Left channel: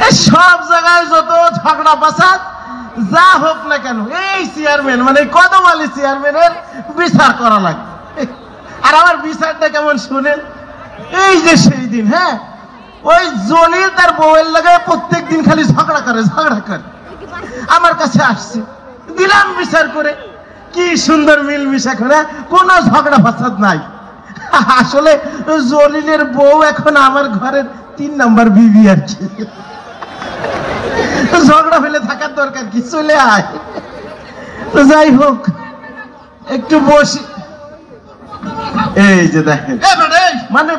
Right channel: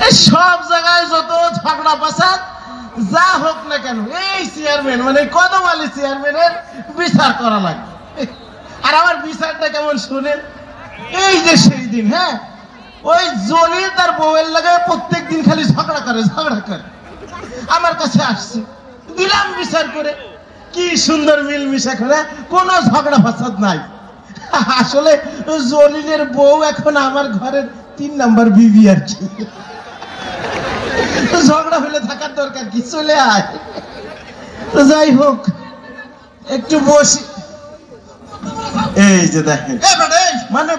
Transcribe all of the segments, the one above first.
সব জায়গায় যত ঝগড়া ফাসাদ যা হোক না কেন এই চেয়ারম্যান মানে কদমালি চেয়ারম্যানের বিচার করা লাগে। আর আমার বিচারটা কেমন শুনেন, এই যে সেই দিন হ্যাঁ ওই জলিল তার বউয়ের লাগে প্রত্যেক দিন খালি ঝগড়া করে আমার কাছে আসছে, দিলাম বিচার করে, কি সুন্দর মিলমিশা করে, কোনো ঝগড়া ফাসাদ নাই। আসলে জলিলের বউ এখন আমার ঘরের 3 নম্বর বিবি আর কি, ঝগড়া ফেলে থাকার দরকার কি, চলে আয়। তো যাই হোক একটু বসি। এই যে দেখেন মানে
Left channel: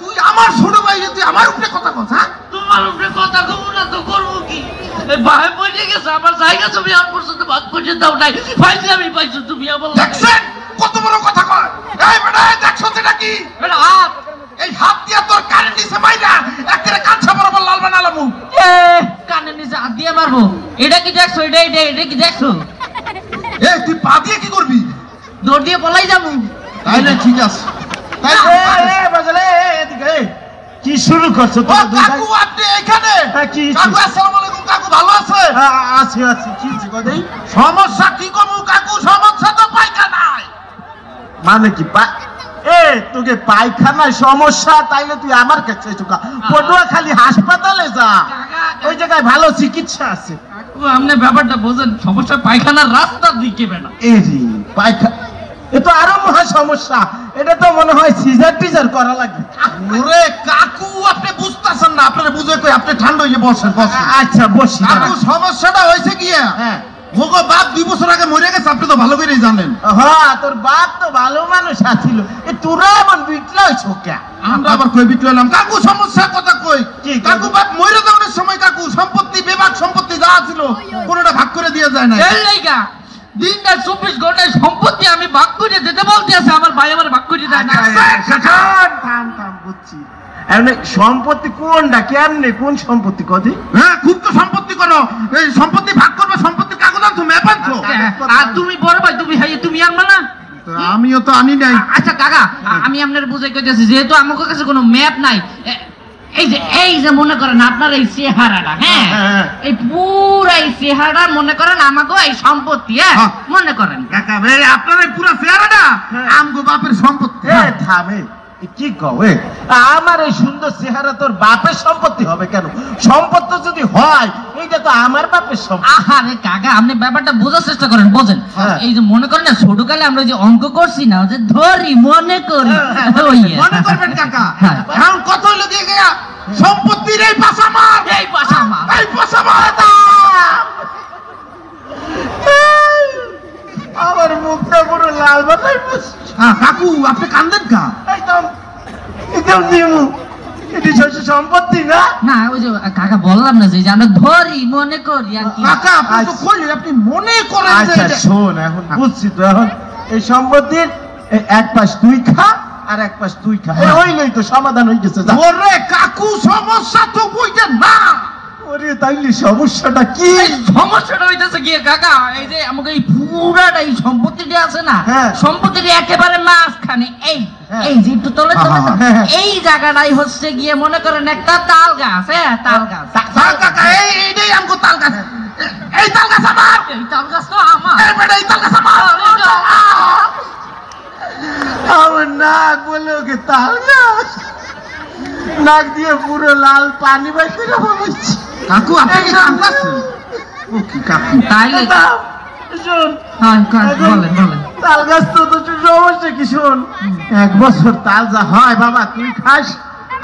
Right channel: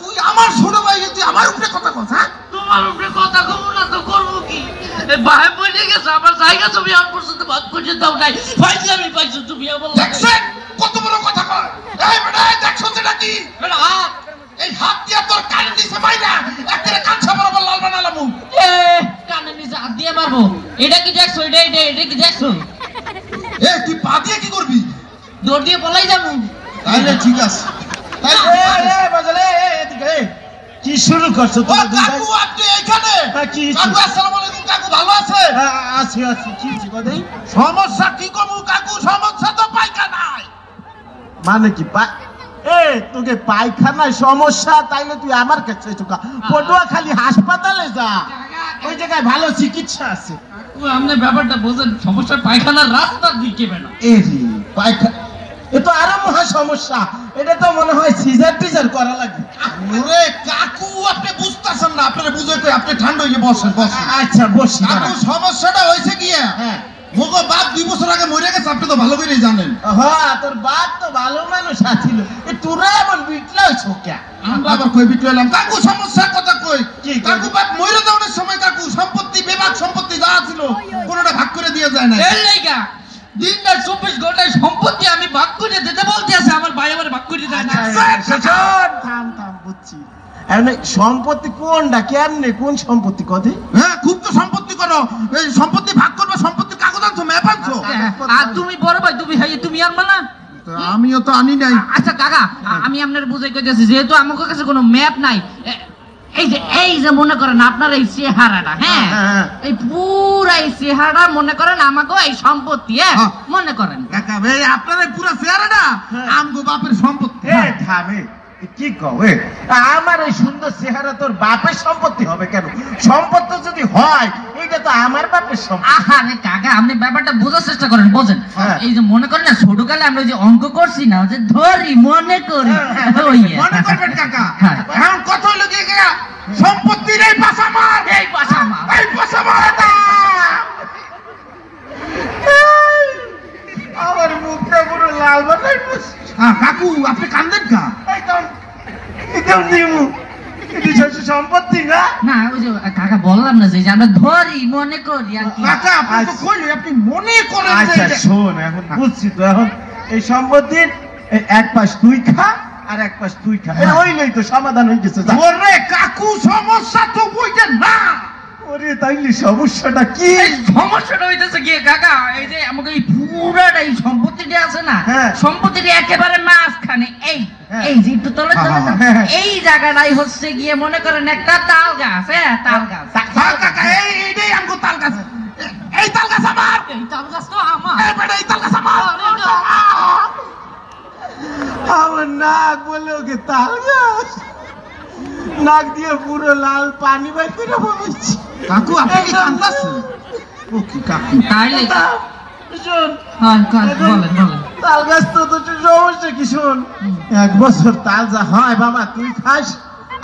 তুই আমার ছোট ভাই, তুই আমার উপরে কথা কস? হ্যাঁ তোমার উপরে কথা কব না তো করবো কি? ভাই বলে গেছে আমার জায়গা তুমি আর পর্যন্ত বাদ পর্যন্ত দাও নাই, ফাইজলামি পাইছো তুমি আমার। দেখছেন কত বড় কথা কয়? এই বেটা দেখছো এটা কি? বেটা হাত, এই হাত দিয়ে তোর কানের নিচে মাইরা একেবারে কাঁচা বরাবর লাল বানালাম। এ কানের নিচে হাত দিয়ে মারবো? এটা কি দেখছো? এটা কি দেখছো? এই তুই পা দিয়ে কি করবি? দৌড় দিয়ে পলাই যাবো। তাইলে ঠিক আছে। কি শুরু করছো? কাকু আপনি এখানে? কাকু আসসালামু আলাইকুম। কাকু ভালো আছে? আছি আছি। কি কথা? সমস্যা কি করবো কাকু? সমস্যা তো পায়খানায়। মানে কি তোকে পায়খানায় সমস্যা? তাইলে তুই আমার কাছে পটুয়াখালী হাসপাতালে যা, ওই জায়গায় ভালো চিকিৎসা আছে। আপনি ব্যাপারটা বোঝেন, সমস্যা পায়খানার রাস্তার দিকে না। পায়খানা এ তো আরো মহা সমস্যা, এটা তো মনে হয় সিজার টিজার করা লাগবে। ওরে কাকু আপনি বুঝতেছেন না, আপনারা বুঝে কই, আপনি ঠান্ডা হয়ে বসেন। আচ্ছা বসি। কাকু সমস্যাটা হয়েছে কি, হ্যাঁ মোগো বাপ 2 বছর আগে মরে গেছে, আপনি তো ভালো করেই জানেন। হ্যাঁ তোর বাপ তো ভালো মানুষ আছিল, তোরা এমন বিটলা হইছ কে? আমরা আবার কই বিটলাম? কাকু সমস্যার কথা কই। কাকু বাপ মরে যাওয়ার সময় কাকু সম্পত্তি, বেবাক সম্পত্তি যা ছিল কোনটা ভাগ করে দিয়ে যায় না। এই লাইগা দিন রাত 24 ঘন্টায় সম্পত্তি আমি ভাগ করে দিতে বলতে আছে, আমার ভাই আমার ভাগ করে দেয় না। থাম বুঝছি। সম্পত্তি কোনটা, কেমনে, কোন সম্পত্তি কদি? হ্যাঁ খুব তো সম্পত্তি করো, এই সম্পত্তি ভাগ করবে, সম্পত্তির কাগজ আনছো, ম্যাপ আনছো। আর তুমি বড় ভাই, তুমি আনবা না? আমিও তো আনি নাই। আচ্ছা কাকা আমি আপনার বুঝাই কইতেছি, যেহেতু আমার কাছে কোনো ম্যাপ নাই, এই যে মনে করেন আপনার এই চেহারাটা, হ্যাঁ এই পুরা এই চেহারা মনে করেন আমাকে এই সম্পত্তি, মনে করেন কাকা ভাই আপনার এই পুরা চেহারাটা আমগো বাপের সম্পত্তি। থামে কি কও? আমার এই সুন্দর চেহারা তোর বাপের সম্পত্তি হবে কেন? সম্পত্তি যদি হয় এইটা তো আমার বাপের সম্পত্তি। আরে কাকা আপনি ব্যাপারটা বোঝার চেষ্টা করেন, বোঝেন। এই যে মনে করেন না ছোটকালে আমরা যে অঙ্ক করছি না, যে ধরি মনে করি, মনে করবেন কাকা। এখন কত হলো দিয়ে গিয়া সম্পত্তির এই পাশা মার, এই পাশা মার, এই পাশা মার। আমার মুখটা পুরো লাল বানাই। কাকু আপনি কান্দেন কা? একদম নিমু এটি সম্পত্তি না। না ওই যে কাকা বললাম না যে আমরা ধরি মনে করি আর কি। কাকা আপনি তো কইলেন আপনি মনে করেন। আচ্ছা শোন, এখন বুঝছি তো, এখন এই সম্পত্তির এক পাশ তুই খা আর এক পাশ তুই খা, ওইলেই তো সমাধান হয়ে গেছে। ওরে কাকু সমস্যা তো বুঝেন না। ওরে তাইলে সমস্যাটা কি? সমস্যাটা হইতেছে কি কাকা, এই যে আমাকে এই পুরাটা এই সম্পত্তিটা আছে না, সম্পত্তিটা একেবারে মাঝখানে এই যে একটু তলে এই জায়গাটাই হচ্ছে গিয়ে মনে করেন একটা তাল গাছ। তাল গাছ কাকা, এইটাই আমগো তাল গাছ। এই তাল গাছ আমার, এই তাল গাছ তো আমার। এই তাল গাছ আমার। আমার নাক বলে ওকে তাল গাছ, নাক দিয়ে পুরো লাল পানি বাই করে বলছি। কাকু আপনি কি কান্দাছেন? ও কি কাকু? তাইলে শোন, বলেন তাল গাছ তো সমস্যা কি? শোন, 1 বছর তাল যা হয় বাবা তুই খাস,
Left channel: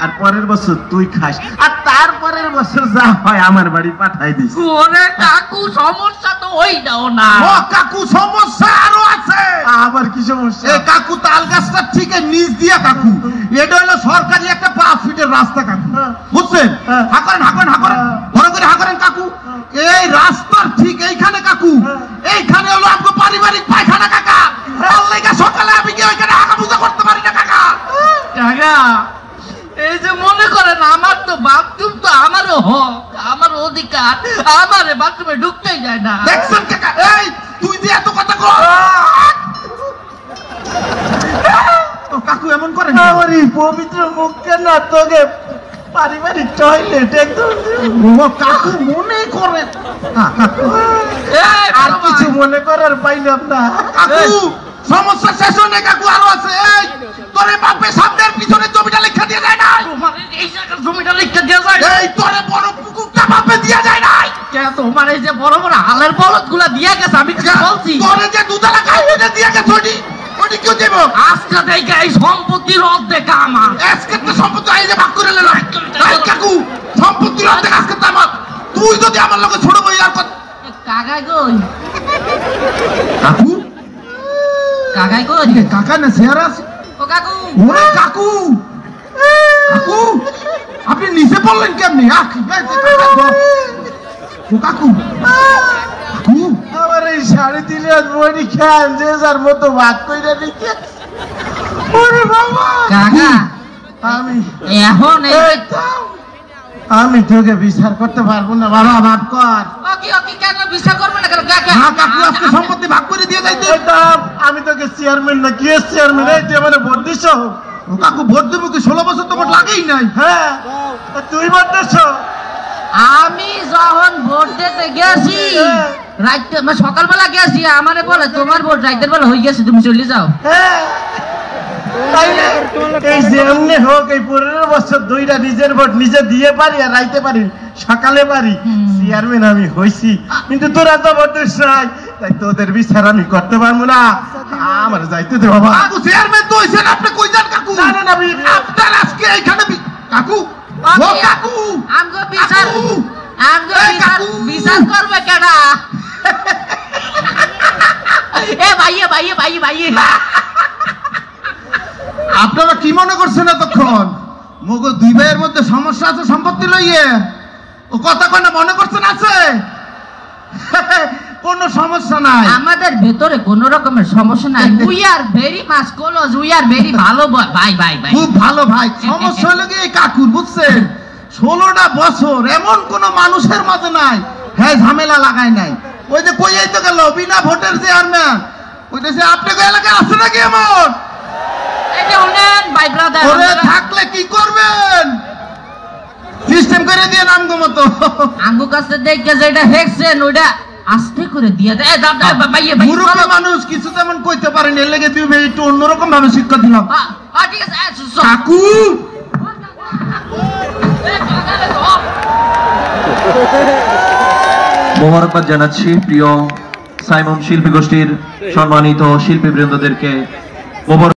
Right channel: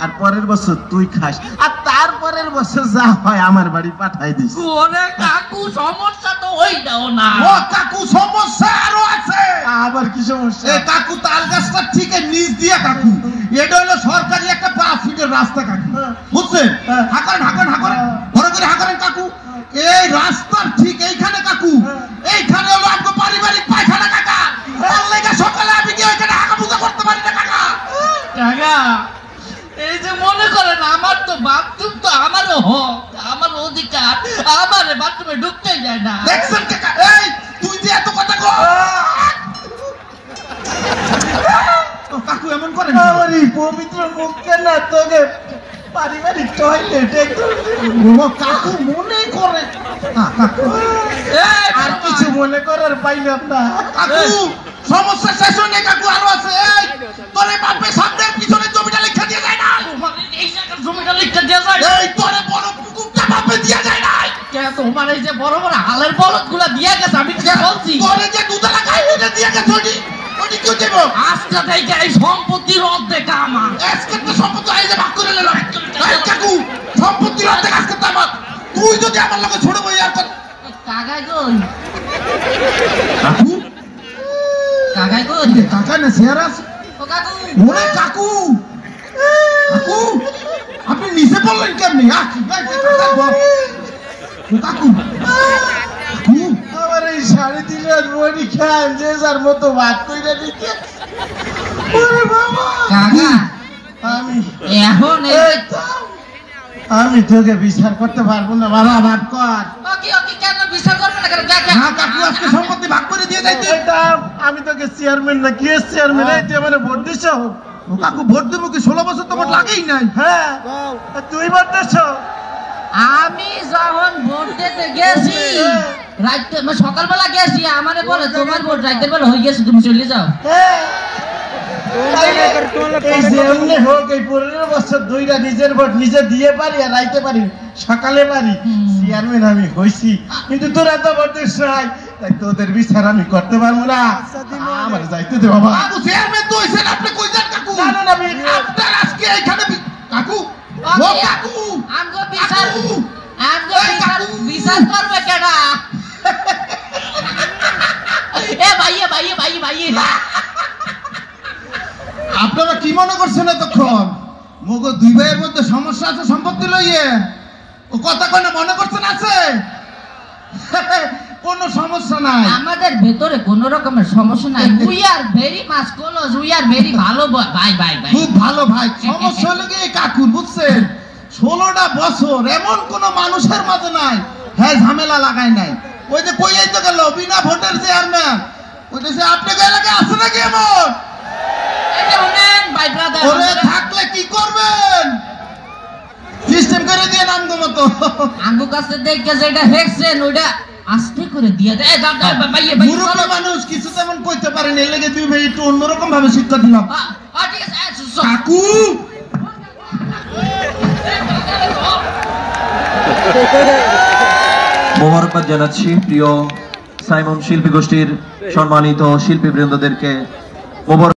আর পরের বছর তুই খাস, আর তারপরের বছর যা হয় আমার বাড়ি পাঠাই দিস। ওরে কাকু সমস্যা তো ওইটাও না। ও কাকু সমস্যা আরো আছে। আবার কি সমস্যা? এই কাকু তাল গাছটা ঠিক নিচ দিয়া কাকু, এটা হলো সরকারি একটা 5 ফিটের রাস্তা কাকু, বুঝছেন? হাঁকরেন বড় করে হাঁকরেন কাকু। এই রাস্তার ঠিক এইখানে কাকু, এইখানে হলো আপনার পারিবারিক পায়খানা কাকা। সকালে আমি কি ওইখানে হাঁকা পূজা করতে পারি না কাকা? কাকা এই যে মনে করেন আমার তো বাথরুম তো আমারও হক, আমার অধিকার, আমার বাথরুমে ঢুকতেই যায় না। দেখছেন কাকা, এই তুই যে এত কথা কর। কাকু এমন করেন? আমার এই পবিত্র মুখকে না তোকে পারিবারিক টয়লেট একদম ও কাকু মনে করে আর কিছু মনে করার পাইলাম না। কাকু সমস্যা শেষ হয় না কাকু, আরো আছে। এই তোরে বাপে সামনের পিছনে জমিটা লিখে দিয়ে যায় না? তোমার এই জায়গার জমিটা লিখতে দেওয়া যায়? এই তোরে বড় পুকুরটা বাপে দিয়ে যায় নাই? কে তোমার এই যে বড় বড় হালের বলদ গুলা দিয়া গেছে, আমি তো বলছি। তোরে যে দুধালা গাইতে দিয়ে গেছে ওটি কেউ দেব? আজকে দেখে এই সম্পত্তির অর্ধেক আমার। আজকে তো সম্পত্তি আইলে ভাগ করে নিলাম। এই কাকু সম্পত্তির অর্ধেক আজকে তো আমার। তুই যদি আমার লগে ছোট ভাই আর কাকাই কই? কাকু কাকাই কই? কাকা না শেয়ার আছে। ও কাকু, ওরে কাকু কাকু আপনি নিচে পড়লেন কেমনি? ও কাকু কাকু আমার এই 3.5 বড়ি খান যে যার মতো ভাগ কইরা দিকে। ওরে বাবা কাকা আমি এখন এই আমি তোকে বিচার করতে পারবো না বাবা, মাফ কর। ওকে কেন বিচার করবে না কেন কাকা? হ্যাঁ কাকু আজকে সম্পত্তি ভাগ করে দিয়ে যাইতে। আমি তোকে চেয়ারম্যান না কি চেয়ারম্যান, এই তুই মানে ভোট দিছ? ও কাকু ভোট দেবো কি? 16 বছর তো ভোট লাগেই নাই। হ্যাঁ তুই ভোট দিছ? আমি যখন ভোট দিতে গেছি রাইতে সকালবেলা গেছি, আমারে বলে তোমার ভোট রাইতের বেলা হয়ে গেছে, তুমি চলে যাও। হ্যাঁ তাই না? এই যে এমনি হোক এই 15 বছর ধইরা নিজের ভোট নিজে দিয়ে পারি আর রাইতে পারি, সকালে পারি। চেয়ারম্যান আমি হইছি, কিন্তু তোরা তো ভোট দিস নাই, তাই তোদের বিচার আমি করতে পারবো না। আমার যাইতে দে বাবা। কাকু চেয়ারম্যান তো হইছেন, আপনি কই যান কাকু? না না না আপনার আজকে এইখানে কাকু ও কাকু আমগো বিচার কাকু! আমগো এই কাকু! বিচার করবে কেডা? এ ভাইয়ে ভাইয়ে ভাইয়ে ভাইয়ে আপনারা কি মনে করছেন এতক্ষণ? মগো দুই ভাইয়ের মধ্যে সমস্যা আছে সম্পত্তি লইয়ে? ও কথা কয় না মনে করছেন আছে? কোনো সমস্যা নাই। আমাদের ভেতরে কোন রকমের সমস্যা নাই। We are very much close, we are very ভালো ভাই ভাই ভাই। খুব ভালো ভাই। সমস্যা হলো কি এই কাকুর, বুঝছেন? 16টা বছর এমন কোন মানুষের মাঝে নাই হ্যাঁ ঝামেলা লাগায় নাই। ওই যে কই তো গেল বিনা ভোটের চেয়ারম্যান, ওই যে আপনাদের এলাকায় আছে নাকি এমন? এই যে উনেন ভাই ব্রাদার, ওরে থাকলে কি করবেন? সিস্টেম করে দিয়ে নামগো মতো। আমগো কাছে দেখে যেটা হেক্সেন ওইটা আস্তে করে দিয়ে দেয়। ভাইয়ে ভাই মুরব্বী মানুষ কিছু তেমন কইতে পারেন, এর লেগে দুই ভাই একটু অন্যরকম ভাবে শিক্ষা দিলাম। ঠিক আছে কাকু মোবারকবাদ জানাচ্ছি প্রিয় সাইমন শিল্পী গোষ্ঠীর সম্মানিত শিল্পীবৃন্দদেরকে।